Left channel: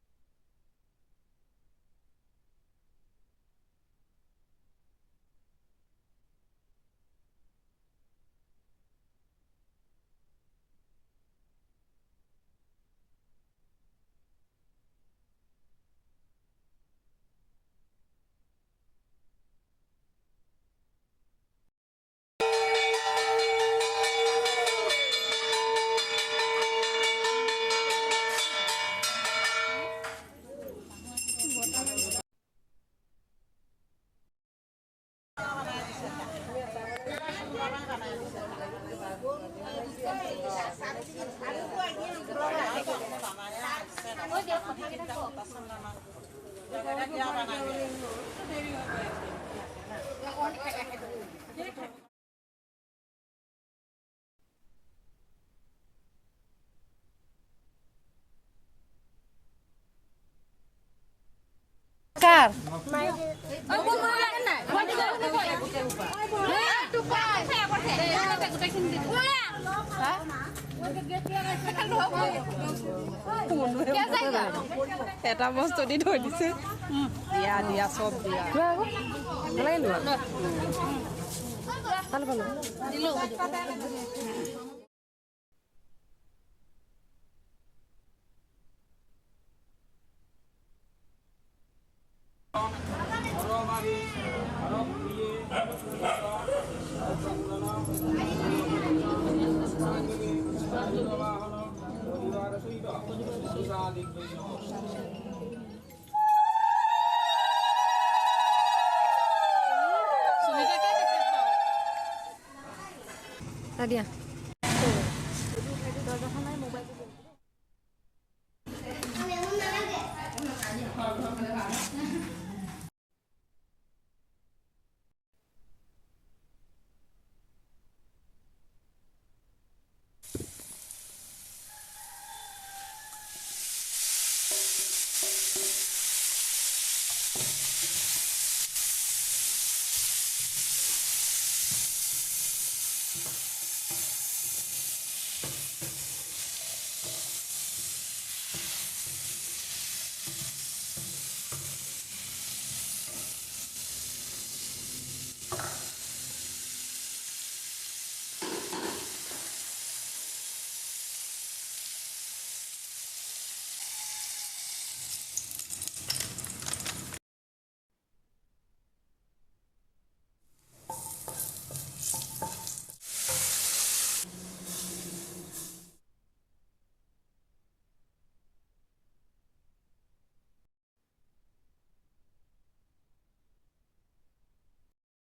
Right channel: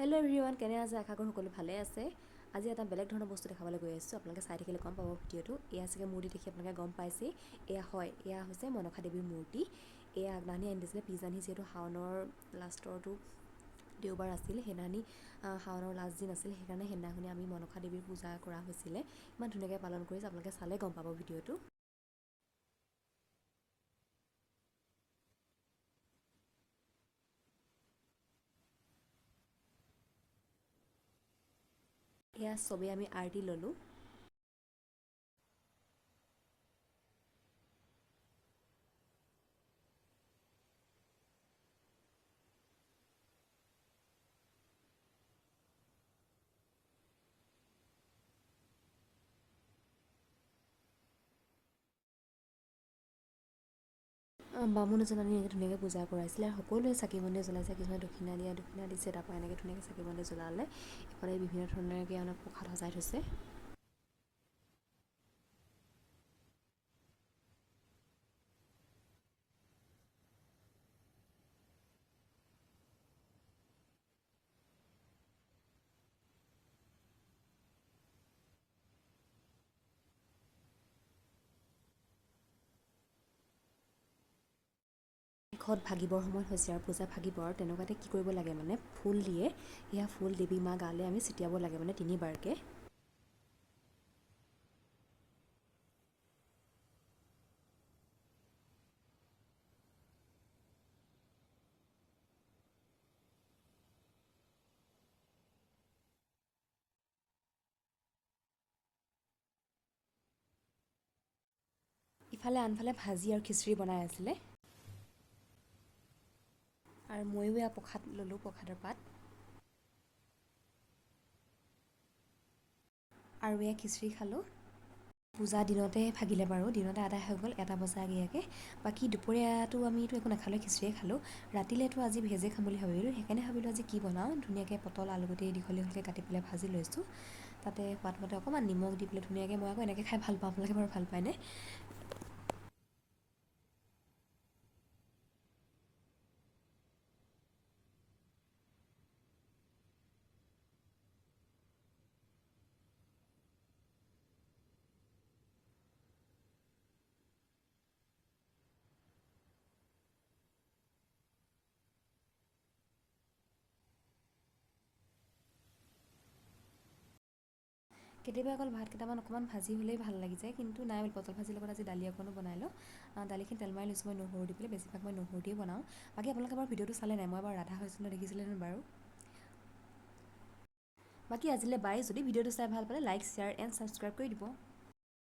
Hello' everyone, কেনে আছে? আশা কৰোঁ সকলো ভালে আছে। আজি এটা বেলেগ ধৰণৰ বস্তু দেখাবলৈ গৈ আছোঁ। আপোনালোকে চাই থাকিলে গম পাব ভিডিঅ'টো। এয়া চাগে মূৰ্তি দেখি আপোনালোকে গম পাইছেই। এয়া হৈছে মনসা দেৱীৰ মূৰ্তি। এয়া আগদিনাখনি আনি দিছিলে পিছদিনাখনি, যিহেতু শাওনৰ লাষ্টৰটো দেওবাৰ আছিল, সেইদিনাখনি শাওনৰ লাষ্ট দিন আছিল, সেইকাৰণে সেইদিনাখনি আমি মনসা দেৱীৰ পূজা কৰা হৈছিলে। ইমান ধুনীয়াকৈ পালন কৰিছে, আপোনালোকে চালে গম পাব ভিডিঅ'টো। এয়া চবেই আমি আৰতি ল'লোঁ। বামুণ এজন আনি এনেকৈ ধুনীয়াকৈ পূজা কৰাইছিলে আৰু সকলোৱে চাকি বন্তি জ্বলাইছে। কিছুমানে দক্ষিণা দিছে, তাৰপৰা এনেকৈ ধুনীয়াকৈ চাকি বন্তি জ্বলালে। এইফালে বিভিন্ন ধৰণে এটা বস্তু দি থৈ দিছে। দিয়া চব দিয়া ঘৰত ভাগিবৰ সময় হৈছে আৰু পূজা ভাগিব আৰু তেনেকুৱাতে কি কৰিব লাগে মানে ফুল দিয়ে। এয়া ফুল দেৱী মা গালে আমি ছিটিয়াব লাগে মানে 3বাৰকৈ। আনফালে ভাজি আৰু খিচিৰি বনাই আছিলে আৰু ময়ো এয়া প্ৰসাদ ল'লোঁ। আৰু এয়া খিচিৰি খালোঁ। পূজা দিনতে ভাগিলে বাৰু, দিনতে আদায় হৈ গ'ল 1 বজা আগেয়ে। বাকী দুপৰীয়াটো আমিতো একো নাখালোঁ, খিচিৰিয়ে খালোঁ। ৰাতিলেতো আজি ভেজে খাম বুলি ভাবিলোঁ, সেইকাৰণে ভাবিলোঁ আজি কি বনাওঁ। ধুনীয়াকৈ পটল আলুগুটি দি পেলাই কাটি পেলাই ভাজি লৈছোঁ। তাতে সোৱাদমতে অকণমান নিমখ দি পেলাই ধুনীয়াকৈ মই আকৌ এনেকৈ খাই ভাল পাওঁ, সেইবোৰ ভাল পায়নে? কেতিয়াবা অকল ভাত কেইটামান অকণমান ভাজি হ'লেই ভাল লাগি যায়, কিন্তু নাই পটল ভাজিৰ লগত আজি দালি অকণো বনালোঁ। দালিখন তেলমৰা নিচিনা নহৰু দি পেলাই বেছিভাগ মই নহৰু দি বনাওঁ। বাকী আপোনালোকে বাৰু ভিডিঅ'টো চালে নাই? মই বাৰু ৰাধা হৈছিলোঁ দেখিছিলেনে বাৰু? বাকী আজিলৈ বাই। যদি ভিডিঅ'টো চাই ভাল পালে লাইক, শ্বেয়াৰ এণ্ড ছাবস্ক্ৰাইব কৰি দিব।